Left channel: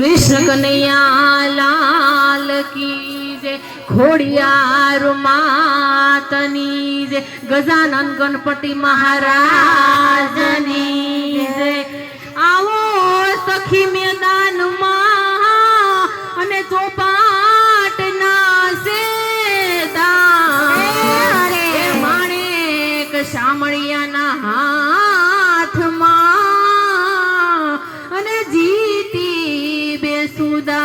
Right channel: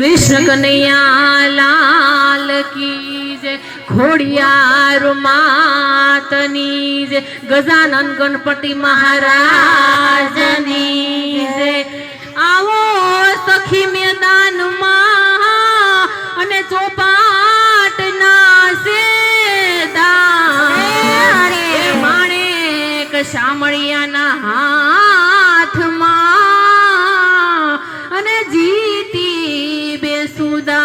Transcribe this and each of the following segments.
कृष्ण कन्हैया लाल की जय। घोड़ियार मातनी जय। गजानन गणपति महाराज नी जय। आवो सखी मैदान में अने चौपाट ना सेदा माणेक शामळिया ना हाथ में अने जीती बेसुदा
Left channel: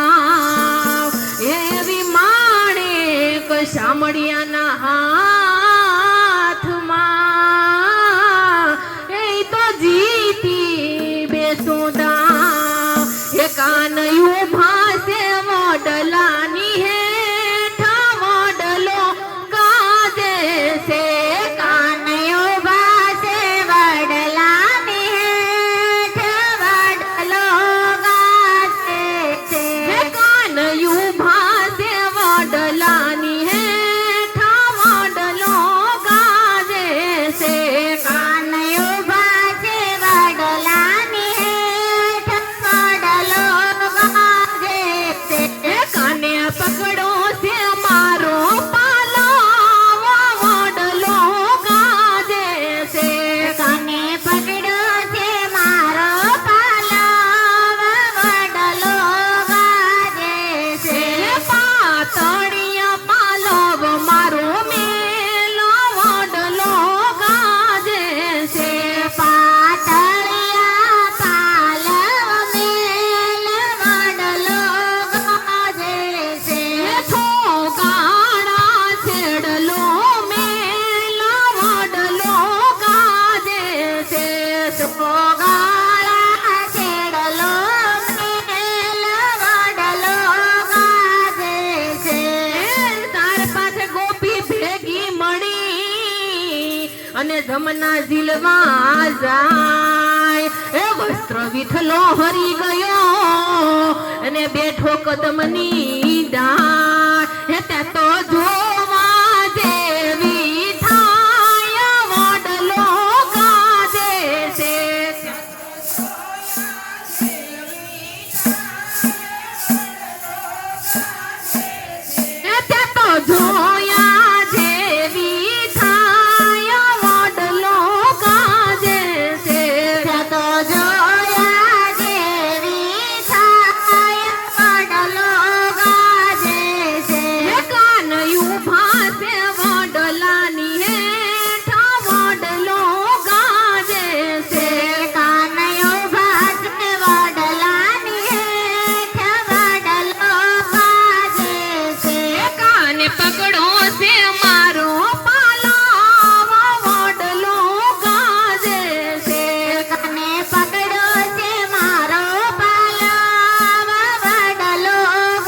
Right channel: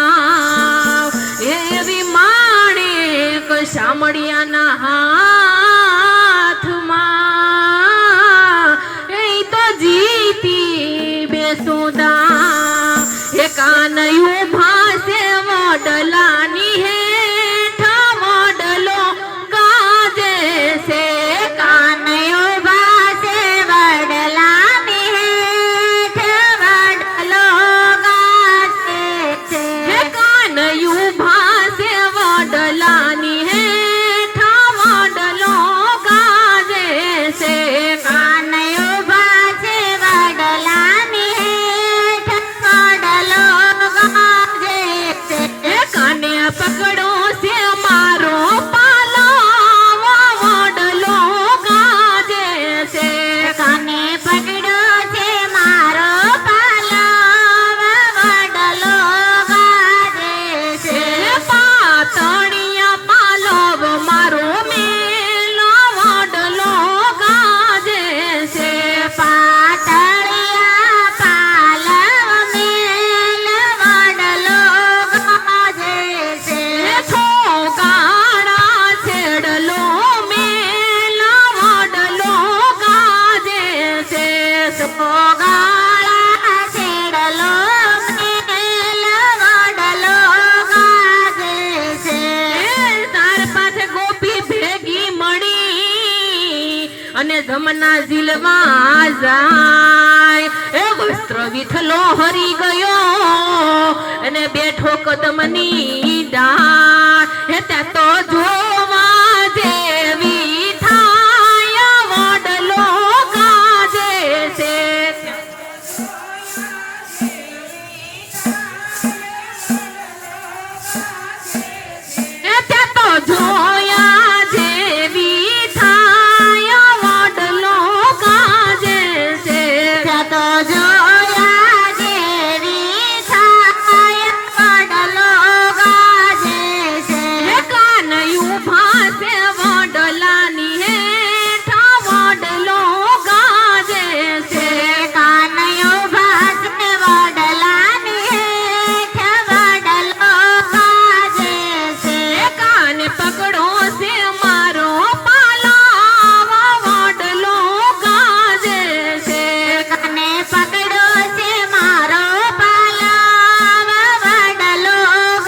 एवी माणेक शामळिया ना हाथ में ए तो जीती बेसुदा ए कानयू भासे वडलानी हेठ वडलो गाजे से कानयू भासे वडलानी हेठ वडलो गाजे से कानयू भासे वडलानी हेठ वडलो गाजे से कानयू भासे वडलानी हेठ वडलो गाजे से काने पकड़ो से मारो पालो वडलो गाजे से काने पकड़ो से मारो पालो वडलो गाजे से पातड़िया पालो मारो मेलो वडलो गाजे से पातड़िया पालो मेलो वडलो गाजे से थोगाड़ा छेड़लो मेलो वडलो गाजे से थोगाड़ा छेड़लो मेलो वडलो गाजे से तार पाथे गोपी भेगी मળી અને ધમના ઝીલમાં જાય એ વસ્ત્ર વિઠલો હરી ગયો અને બેઠો કદમની ડાળ હે ત્યાં તો જોવા જેવી થાય વડલો ગાજે છે ત્યાં તો જોયા જેવી થાય વડલો ગાજે છે ત્યાં તો જોયા જેવી થાય વડલો ગાજે છે કાનયું ભાસે વડલાની હેઠ વડલો ગાજે છે કાનયું ભાસે વડલાની હેઠ વડલો ગાજે છે કાને પકડો છે મારો પાલાવા વડલો ગાજે છે કાને પકડો છે મારો પાલાવા વડલો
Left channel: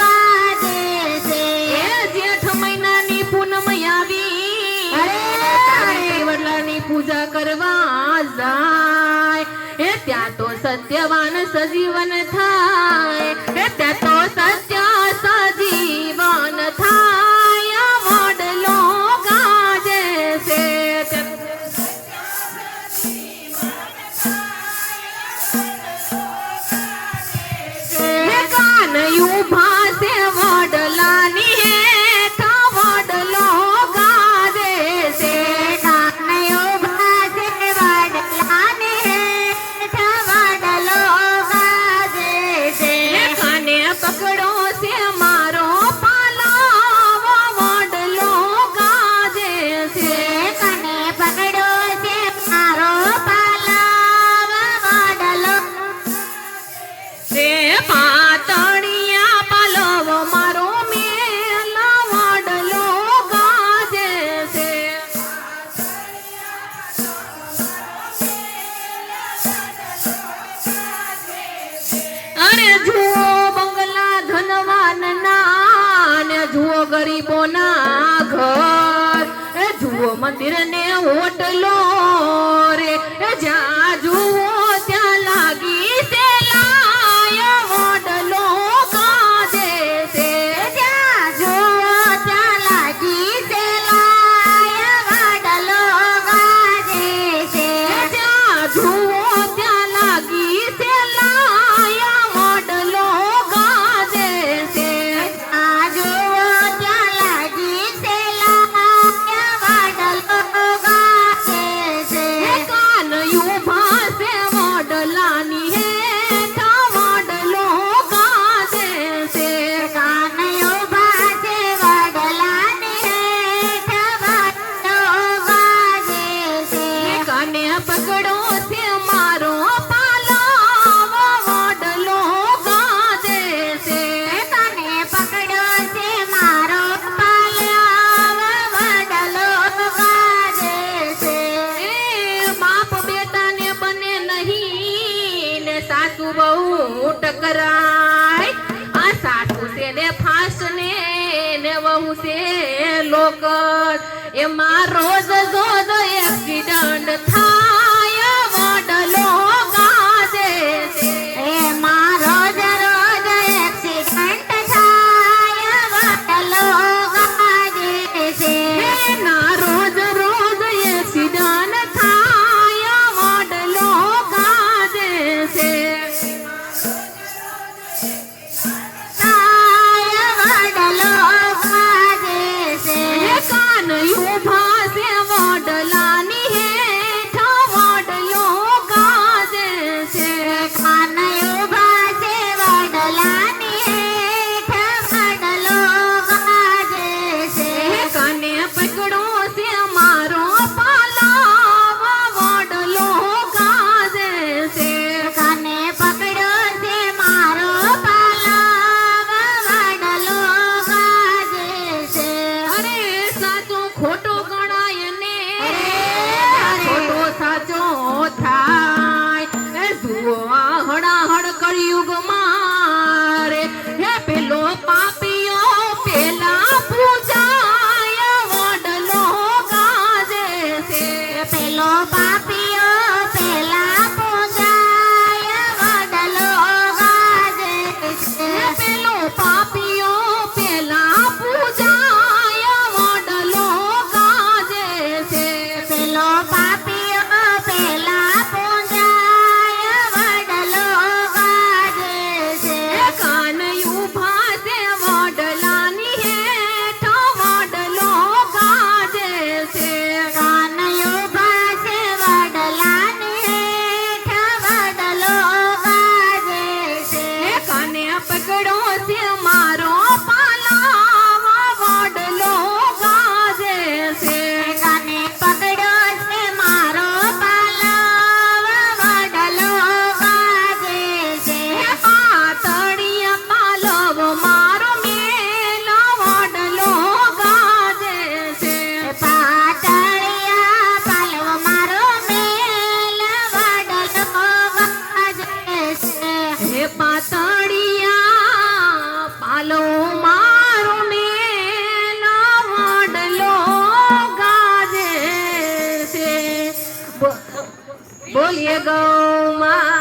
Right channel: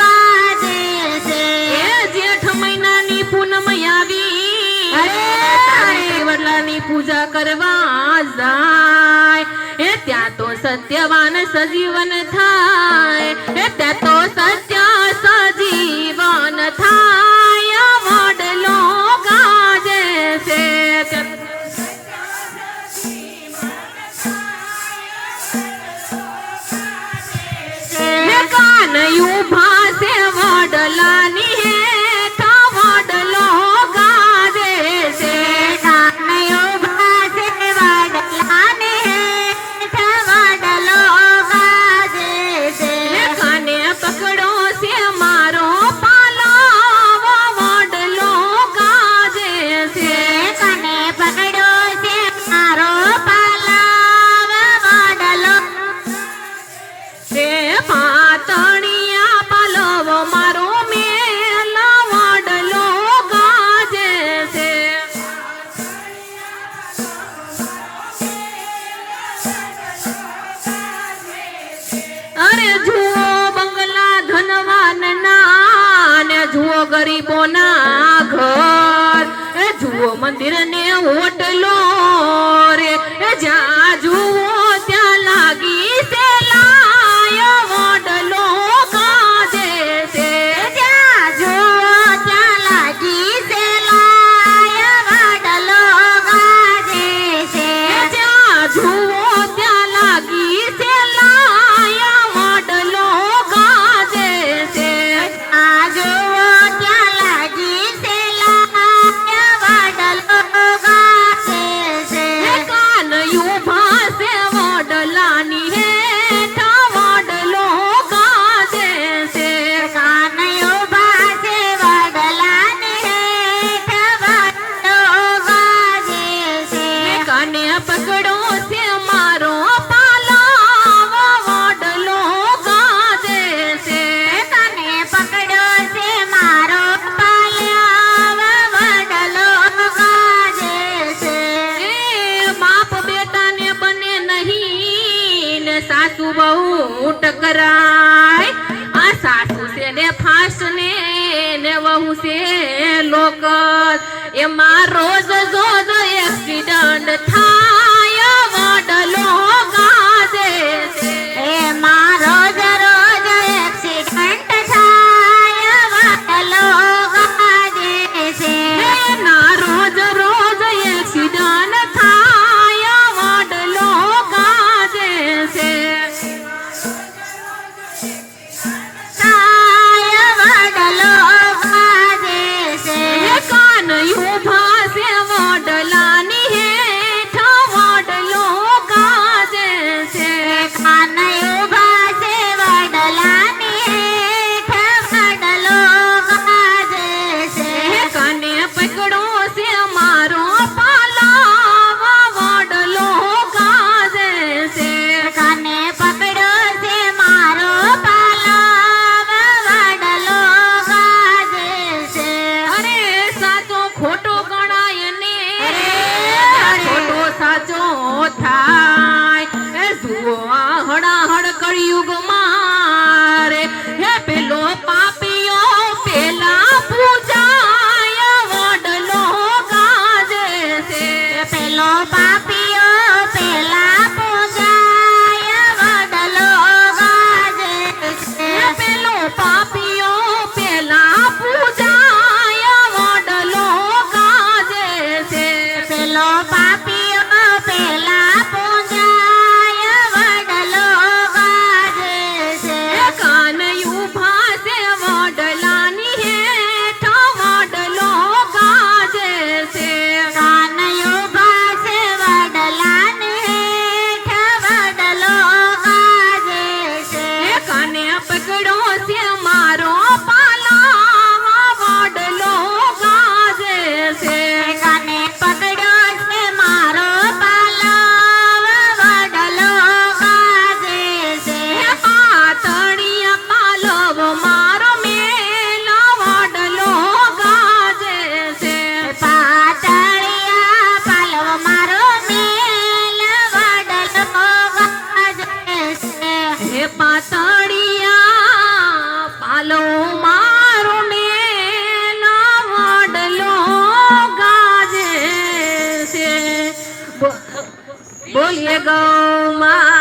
ગાજે છે એ જેઠ મહિનાની પૂનમ આવી વડલાની પૂજા કરવા જાય એ ત્યાં તો સત્યવાન સજીવન થાય એ ત્યાં તો સત્ય સજીવન થાય વડલો ગાજે છે કાનયું ભાસે વડલાની હેઠ વડલો ગાજે છે કાનયું ભાસે વડલાની હેઠ વડલો ગાજે છે કાને પકડો છે મારો પાલો વડલો ગાજે છે કાને પકડો છે મારો પાલો વડલો એ પાતળિયા પાલો મારો મેલો વડલો ગાજે છે અરે જુઓ બંગલા ધન એમાં રોજ રોજ એક્સિડન્ટ થાય વડલો ગાજે છે એમાં રોજ રોજ એક્સિડન્ટ થાય વડલો ગાજે છે એના રોજ રોજ એક્સિડન્ટ થાય વડલો ગાજે છે થાય વડલો ગાજે છે કાનયું ભાસે વડલાની હેઠ વડલો ગાજે છે કાનયું ભાસે વડલાની હેઠ વડલો ગાજે છે કાને પકડો છે મારો પાલાવ વડલો ગાજે છે કાને પકડ્યો છે મારો પાલાવ વડલો ગાજે છે અરે સાચો ખોટો ગણાય ને અરે. ખોટો સાચો થાય એ જુઓ આ હડાહડ કળિયુગ મારે હે પેલો પાપીઓ પેલા પૂજાય વડલો ગાજે છે પેલો પાપીઓ પેલા પૂજાય વડલો ગાજે છે પેલો પાપીઓ પેલા પૂજાય વડલો ગાજે છે પેલો પાપીઓ પેલા પૂજાય વડલો ગાજે છે કાનયું ભાસે વડલાની હેઠ વડલો ગાજે છે કાનયું ભાસે વડલાની હેઠ વડલો ગાજે છે કાને પકડો છે મારો પાલાવ વડલો ગાજે છે કાને પકડ્યો છે મારો પાલાવ વડલો ગાજે છે પાતળિયા પાલવ મારો મેલા વડલો ગાજે છે પાતળિયા પાલવ મારો મેલ વડલો ગાજે છે હે પાતળિયા પાલવ મારો મેલા વડલો ગાજે છે બોલીએ ગૌ મા